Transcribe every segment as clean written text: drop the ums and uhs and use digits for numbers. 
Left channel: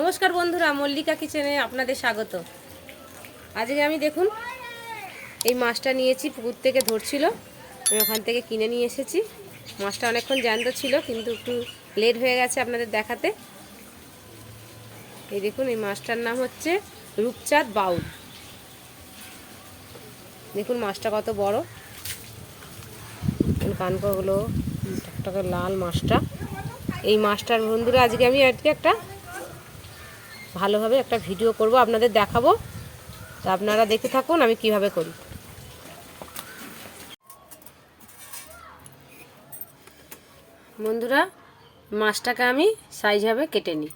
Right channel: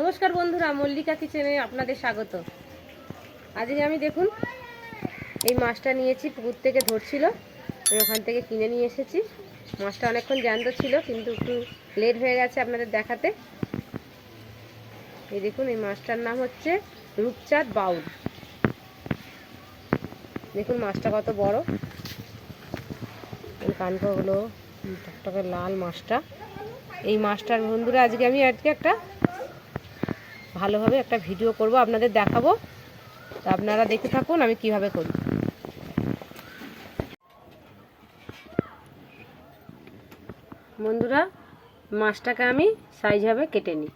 নমস্কার বন্ধুরা, মল্লিকা কিচেনে আপনাদের স্বাগত। আজকে আমি দেখুন এই মাছটা নিয়েছি, পুকুর থেকে ধরছিল, আমি ওখান থেকে কিনে নিয়ে এসেছি। মাছটা অনেকক্ষণ জ্যান্ত ছিল, কিন্তু একটু লেট হয়ে গেছে আপনাদের দেখাতে। এই দেখুন, এই মাছটার নাম হচ্ছে রূপচাঁদ বাউল। দেখুন মাছটা কত বড়, কানকগুলো টকটকে লাল মাছটা। এই মাছটার বন্ধুরা আজকে একটা ভালোভাবে একটা ভিডিও করব, আপনাদের দেখাবো। তা আপনারা দেখতে থাকুন আমি কিভাবে করি। বন্ধুরা, মাছটাকে আমি সাইজভাবে কেটে নিই।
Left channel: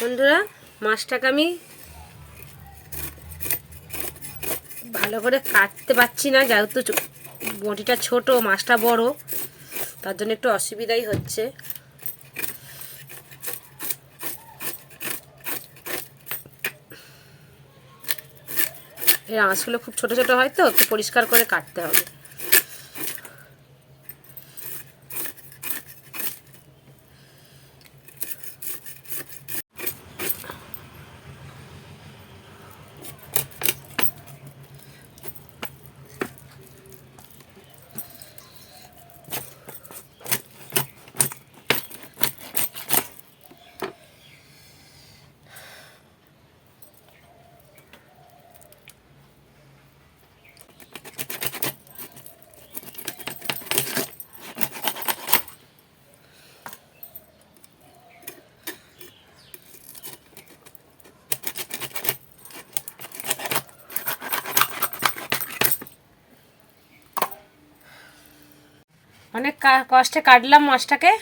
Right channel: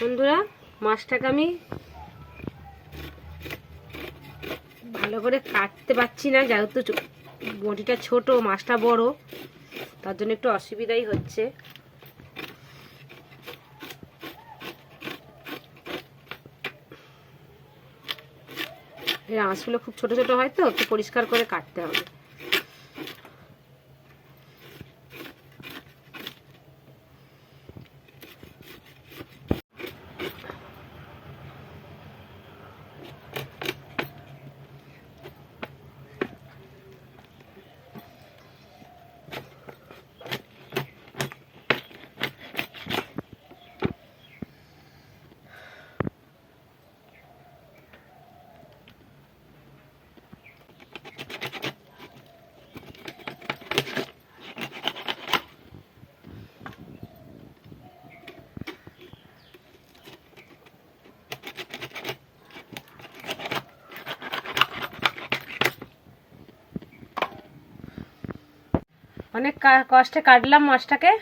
বন্ধুরা, মাছটাকে আমি ভালো করে কাটতে পারছি না, যেহেতু বটিটা ছোট, মাছটা বড়, তার জন্য একটু অসুবিধাই হচ্ছে। এই আঁশগুলো খুব ছোট ছোট হয়, তো একটু পরিষ্কার করে কাটতে হবে। অনেক কষ্টে কাটলাম মাছটাকে,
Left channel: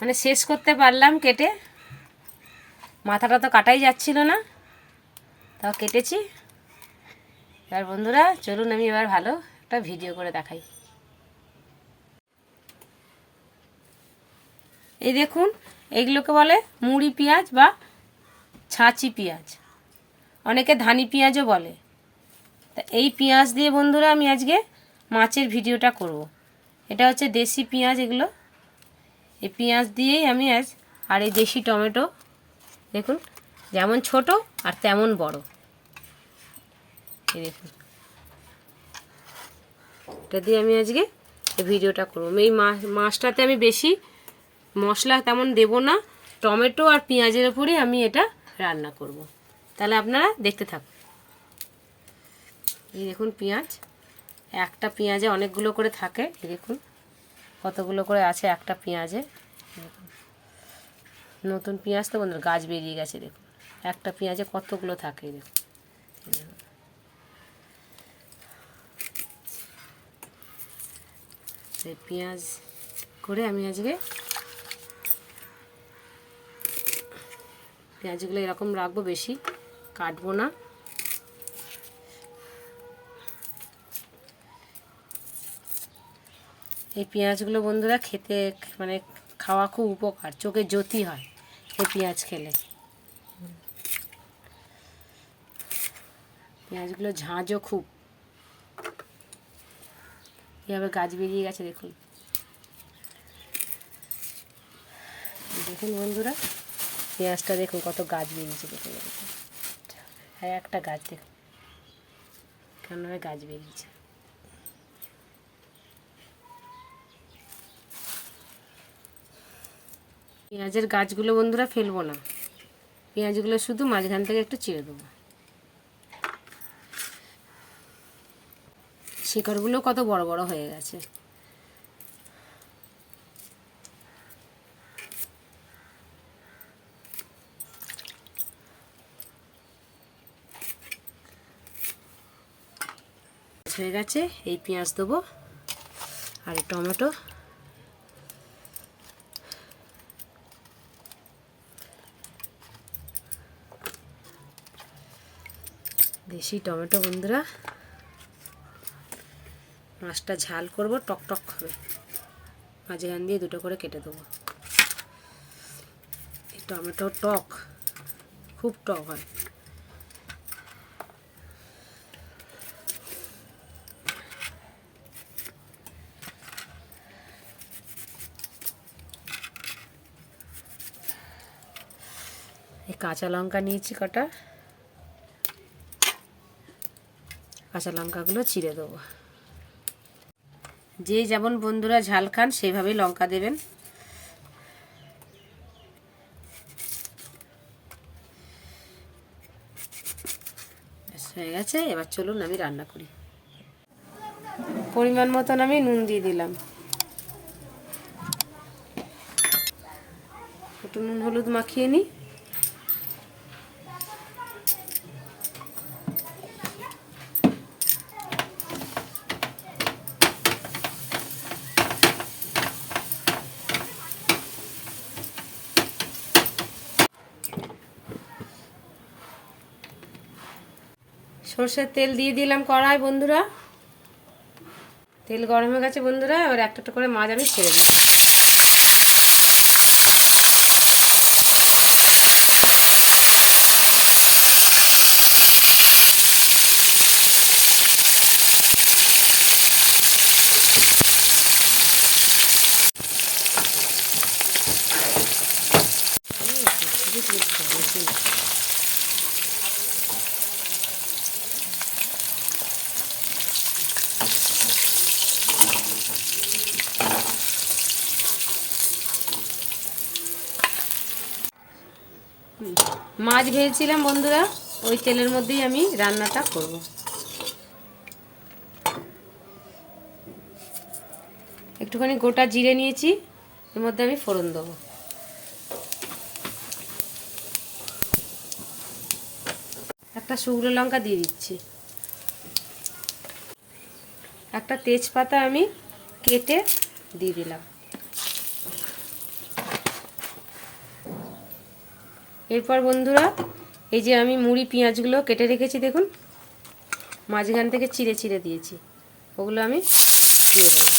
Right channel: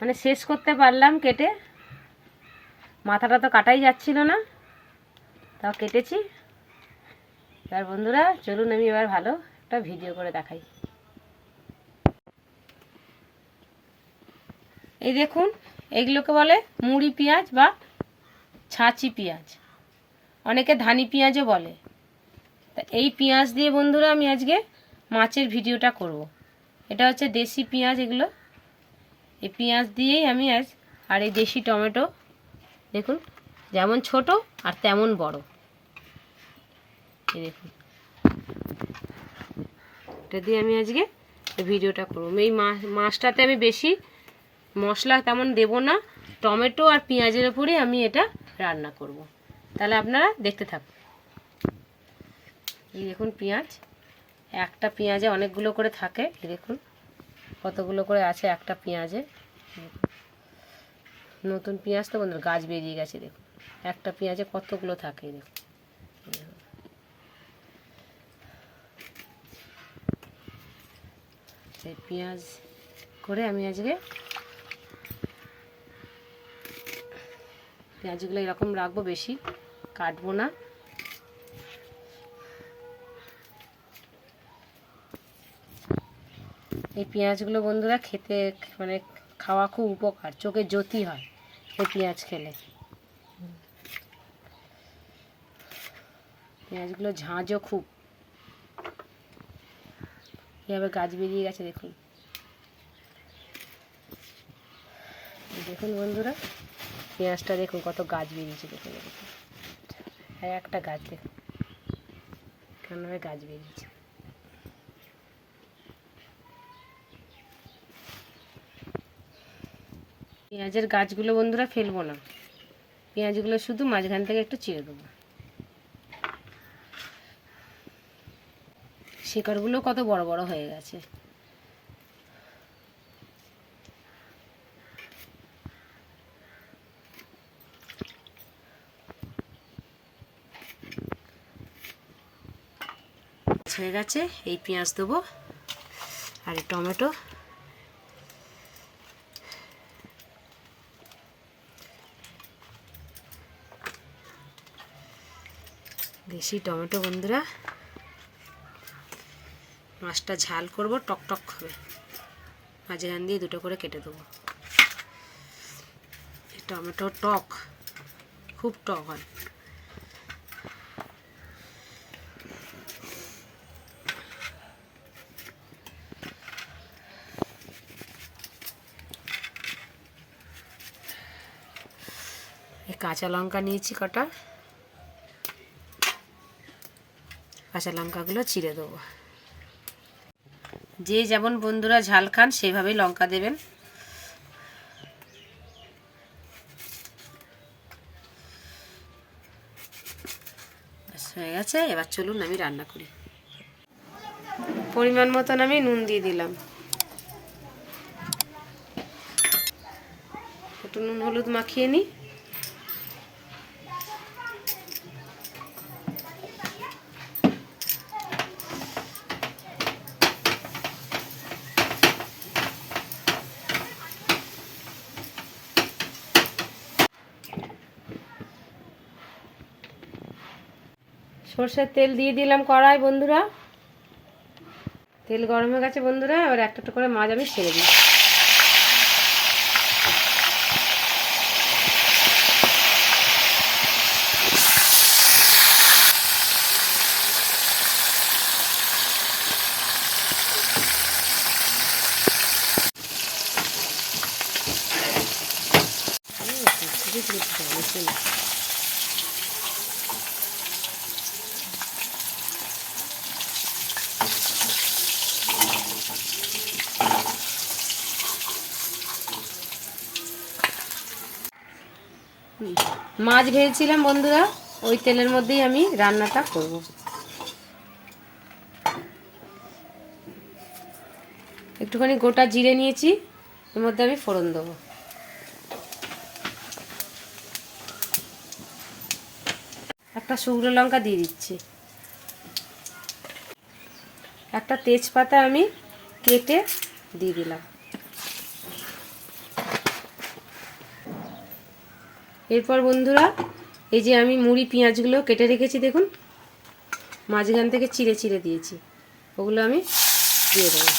মানে শেষ করতে পারলাম কেটে। মাথাটা তো কাটাই যাচ্ছিল না, তাও কেটেছি। আর বন্ধুরা চলুন আমি এবার ভালো একটা ভিডিও করে দেখাই। এই দেখুন, এইগুলোকে বলে মুড়ি পেঁয়াজ বা ছাঁচি পেঁয়াজ, অনেকে ধানি পেঁয়াজও বলে। তা এই পেঁয়াজ দিয়ে বন্ধুরা আমি আজকে মাছের ভিডিওটা করব। এটা হচ্ছে দেশি পেঁয়াজ এগুলো। এই পেঁয়াজ দিয়েই আমি আজ, আর এই দেশি টমেটো দেখুন, যেমন ছোট আর তেমন বড়। এই দেখুন, এটা দিয়ে আমি আজকে এই ভিডিওটা করব। এই মাছটাতে আমি বেশি মশলা তেমন দেব না, টমেটো আর পেঁয়াজের উপরেই আমি এটা রান্না করব। তাহলে আপনারা দেখতে থাকুন। এই দেখুন পেঁয়াজ, একটা পেঁয়াজে অনেকগুলো করে থাকে। দেখুন কতগুলো করে আছে একটা পেঁয়াজে। নতুন পেঁয়াজ তো বন্ধুরা গাছ বেরিয়ে গেছে। দেখুন একটা পেঁয়াজে কতগুলো থাকে। দেখুন সেই পেঁয়াজ করে আমি আজকে পেঁয়াজগুলো এরকম রাখবো, বেশি কাটবো না। এই পেঁয়াজগুলো বন্ধুরা খেতে মানে খাওয়া খুব উপকার, চোখে জ্যোতি হয় এই পেঁয়াজ খেলে। পেঁয়াজগুলো ঝাঁঝও খুব। এভাবে গাছ বেরিয়ে গেছে দেখুন। দেখুন বন্ধুরা, পেঁয়াজটা দেখুন কত গাছ বেরিয়েছে। দেখুন আর একটা গাছ দেখুন কেমন গাছ বেরিয়েছে। পেঁয়াজের গাছগুলো বন্ধুরা ফেলবো না, পেঁয়াজগুলো শুধু মাঝখান থেকে একটু চিড়ে দেবো। শিকড়গুলো কত বড় বড় হয়ে গেছে। হয়ে গেছে, এই পেঁয়াজ দেবো আর এই টমেটো। দেশি টমেটো বন্ধুরা, মাছটা ঝাল করব, টক টক হবে। মাঝখান দিয়ে দুটো করে কেটে দেবো। টমেটো টক, খুব টক হয়। এই কাঁচা লঙ্কা নিয়েছি কটা, কাঁচা লঙ্কাগুলো চিড়ে দেবো। যে যেমন বন্ধুরা ঝাল খান সেইভাবেই লঙ্কা দেবেন। হয়ে গেছে, এবার চলুন আমি রান্না করি। পরিমাণ মতন আমি নুন দিয়ে দিলাম, একটু নুন হলুদ মাখিয়ে নিই। সরষের তেল দিয়ে দিলাম কড়াই বন্ধুরা। তেল গরম হয়ে গেছে বন্ধুরা, এবার একটা একটা করে মাছ আমি ছেড়ে দিই। মাছ ভেজেছিলাম বন্ধুরা, ওই তেলের মধ্যেই আমি রান্নাটা করব। একটুখানি গোটা জিরে নিয়েছি, এর মধ্যে আমি ফোড়ন দেবো। একটা শুকনো লঙ্কা দিয়ে দিচ্ছি, একটা তেজপাতা আমি কেটে দিয়ে দিলাম। এরপর বন্ধুরা এই যে আমি মুড়ি পেঁয়াজগুলো কেটে রেখেছি, দেখুন মাঝখান থেকে চিড়ে চিড়ে দিয়েছি, ওগুলো আমি দিয়ে দেবো।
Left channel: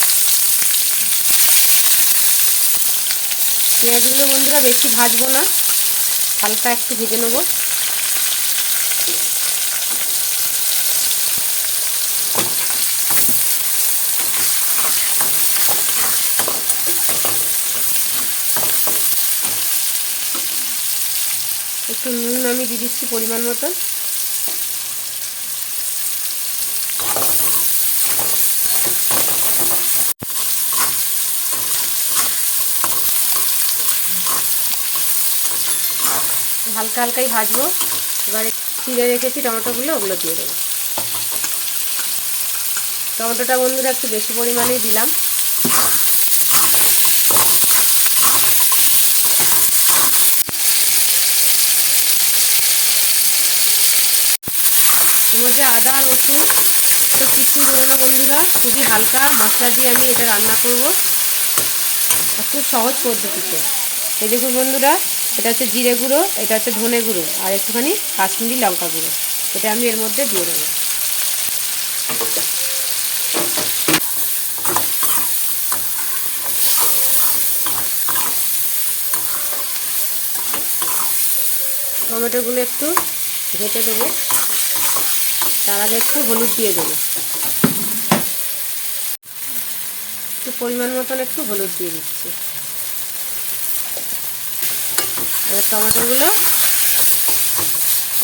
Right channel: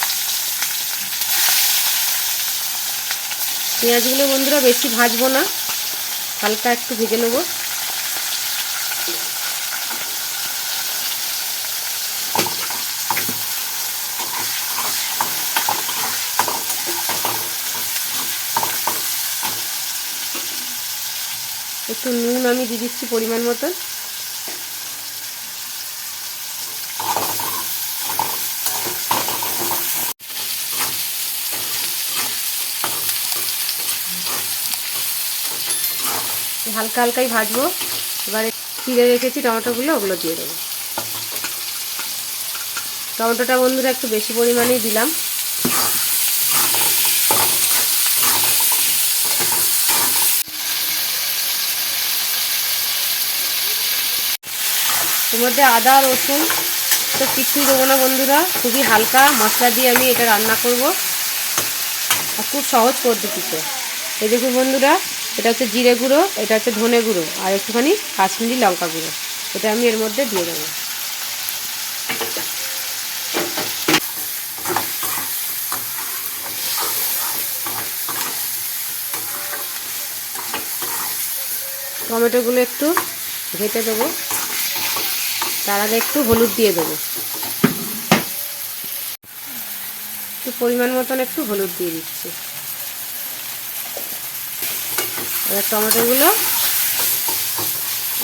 পেঁয়াজগুলো বন্ধুরা বেশি ভাজবো না, হালকা একটু ভেজে নেবো। একটু নুন আমি দিয়ে দিচ্ছি পরিমাণ মতন। হালকা হালকাই ভাজবো। এবারে চিড়ে রেখেছি টমেটোগুলো, ওগুলো দিয়ে দেবো। টমেটোটা বন্ধুরা একটু বেশি পরিমাণেই দিলাম। এর মধ্যে আদা রসুন তো কিচ্ছু দেবো না বন্ধুরা, খুবই হালকা মশলা দিয়ে আমি এটা রান্না করব, আর খুব সহজ পদ্ধতিতে। এই দেখুন বন্ধুরা, এটা হচ্ছে জিরে গুঁড়ো, এটা হচ্ছে ধনে গুঁড়ো, আর একটুখানি কাশ্মীরি লঙ্কা গুঁড়ো, এটা আমি এর মধ্যে দিয়ে দেবো। টমেটোগুলো একটু ঘেটে দেবো, তার আগে একটু হলুদ দিয়ে দেবো, একটু পরিমাণ মতন একটু হলুদ দিয়ে দিচ্ছি। এবার টমেটোগুলো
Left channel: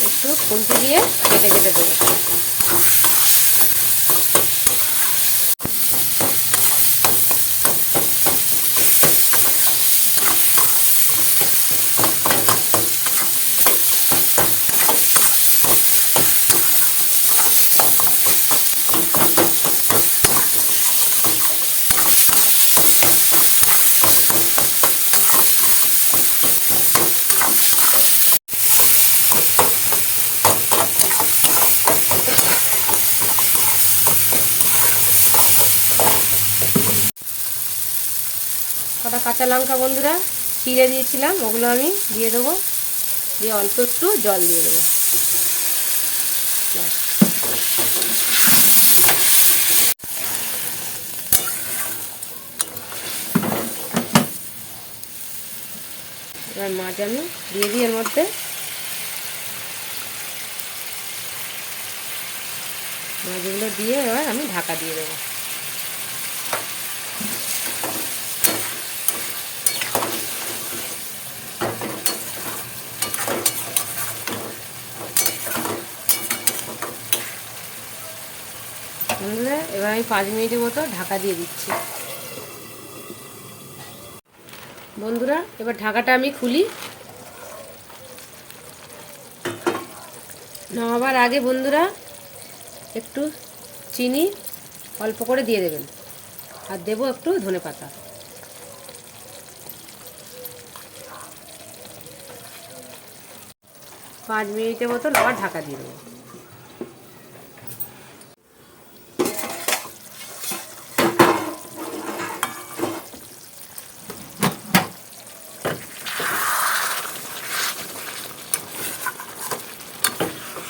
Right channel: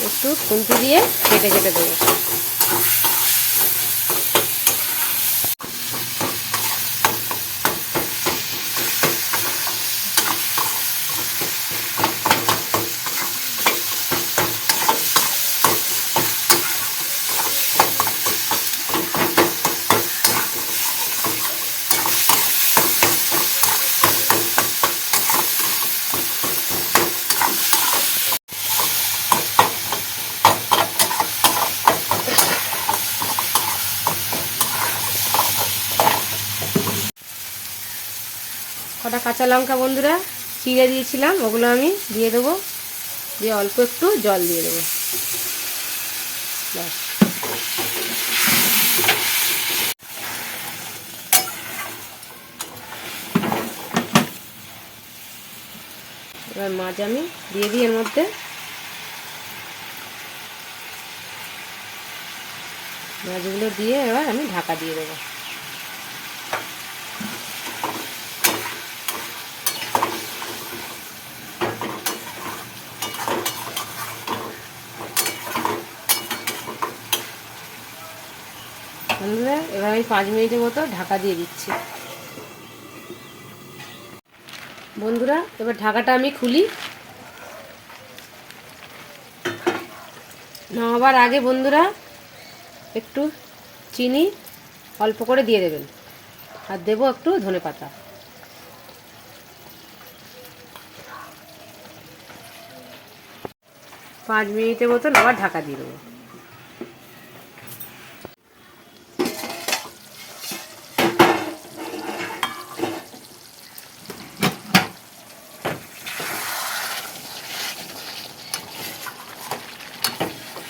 একটু খুন্তি দিয়ে কেটে কেটে দেবো। কটা কাঁচা লঙ্কা বন্ধুরা চিড়ে দিয়েছিলাম, ওগুলো আমি দিয়ে দেবো, দিয়ে অল্প একটু জল দিয়ে দেবো। ব্যাস, এবার মাছ আমি দিয়ে দিই এর মধ্যে। মাছগুলো দিয়ে এবার আমি ঢাকা দিয়ে দেবো। বন্ধুরা এবার আমি 5 মিনিটের মতো ঢাকা দিয়ে দিচ্ছি। বন্ধুরা এবার ঢাকাটা আমি খুলি। নামাবার আগে বন্ধুরা একটু চিনি অল্প করে দিয়ে দেবেন, আর দেবো একটু ধনেপাতা। পাঁচ মিনিটের মতো আবার ঢাকা দিয়ে দেবো।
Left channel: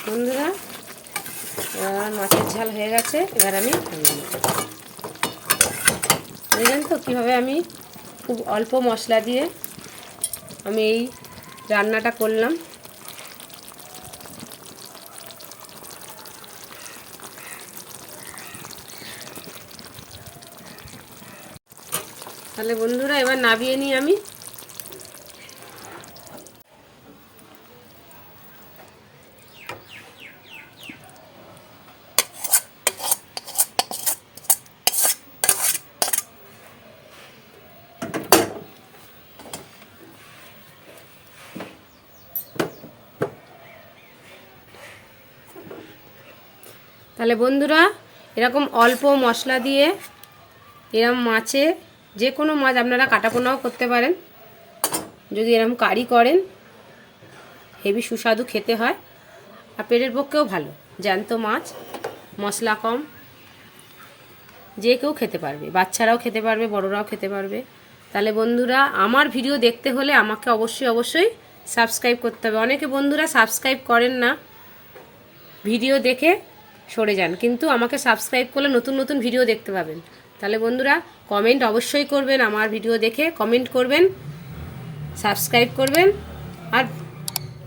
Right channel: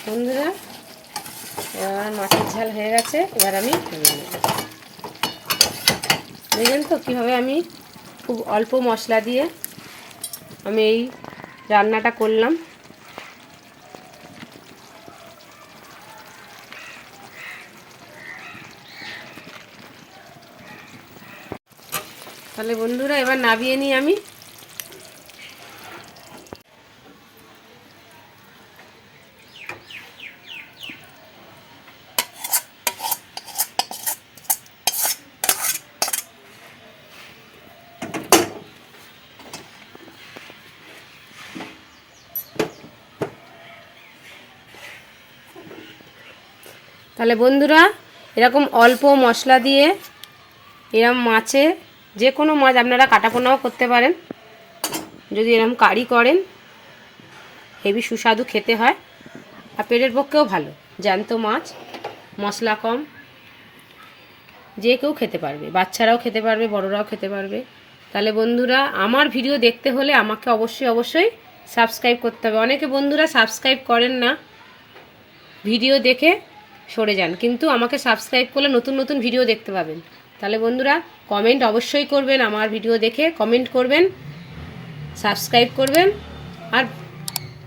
বন্ধুরা এবার মাছের ঝাল হয়ে গেছে, এবার আমি দেখলেন তো কীভাবে আমি খুব অল্প মশলা দিয়ে আমি এই রান্নাটা করলাম। তাহলে বন্ধুরা এবার নামিয়ে নিই আমি। তাহলে বন্ধুরা এরকম অল্প মশলা দিয়ে এরকম মাছে, যে কোনো মাছ আপনারা কাটাপোনাও করতে পারেন, যদি এরকম কারি করেন হেভি সুস্বাদু খেতে হয়, আর পেটের পক্ষেও ভালো। জ্যান্ত মাছ, মশলা কম, যে কেউ খেতে পারবে, বাচ্চারাও খেতে পারবে, বড়রাও খেতে পারবে। তাহলে বন্ধুরা আমার ভিডিও দেখতে হলে আমাকে অবশ্যই সাবস্ক্রাইব করতে হবে। অনেকে বন্ধুরা সাবস্ক্রাইব করেন না, ভিডিও দেখে সরে যান, কিন্তু আমাকে সাবস্ক্রাইব করলে নতুন নতুন ভিডিও দেখতে পাবেন। তাহলে বন্ধুরা কমেন্ট অবশ্যই করবেন, আমার ভিডিও দেখে কমেন্ট করবেন, সাবস্ক্রাইব করবেন, আর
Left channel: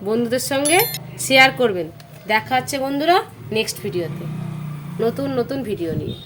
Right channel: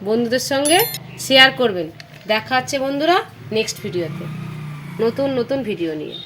বন্ধুদের সঙ্গে শেয়ার করবেন। দেখা হচ্ছে বন্ধুরা নেক্সট ভিডিওতে নতুন ভিডিও নিয়ে।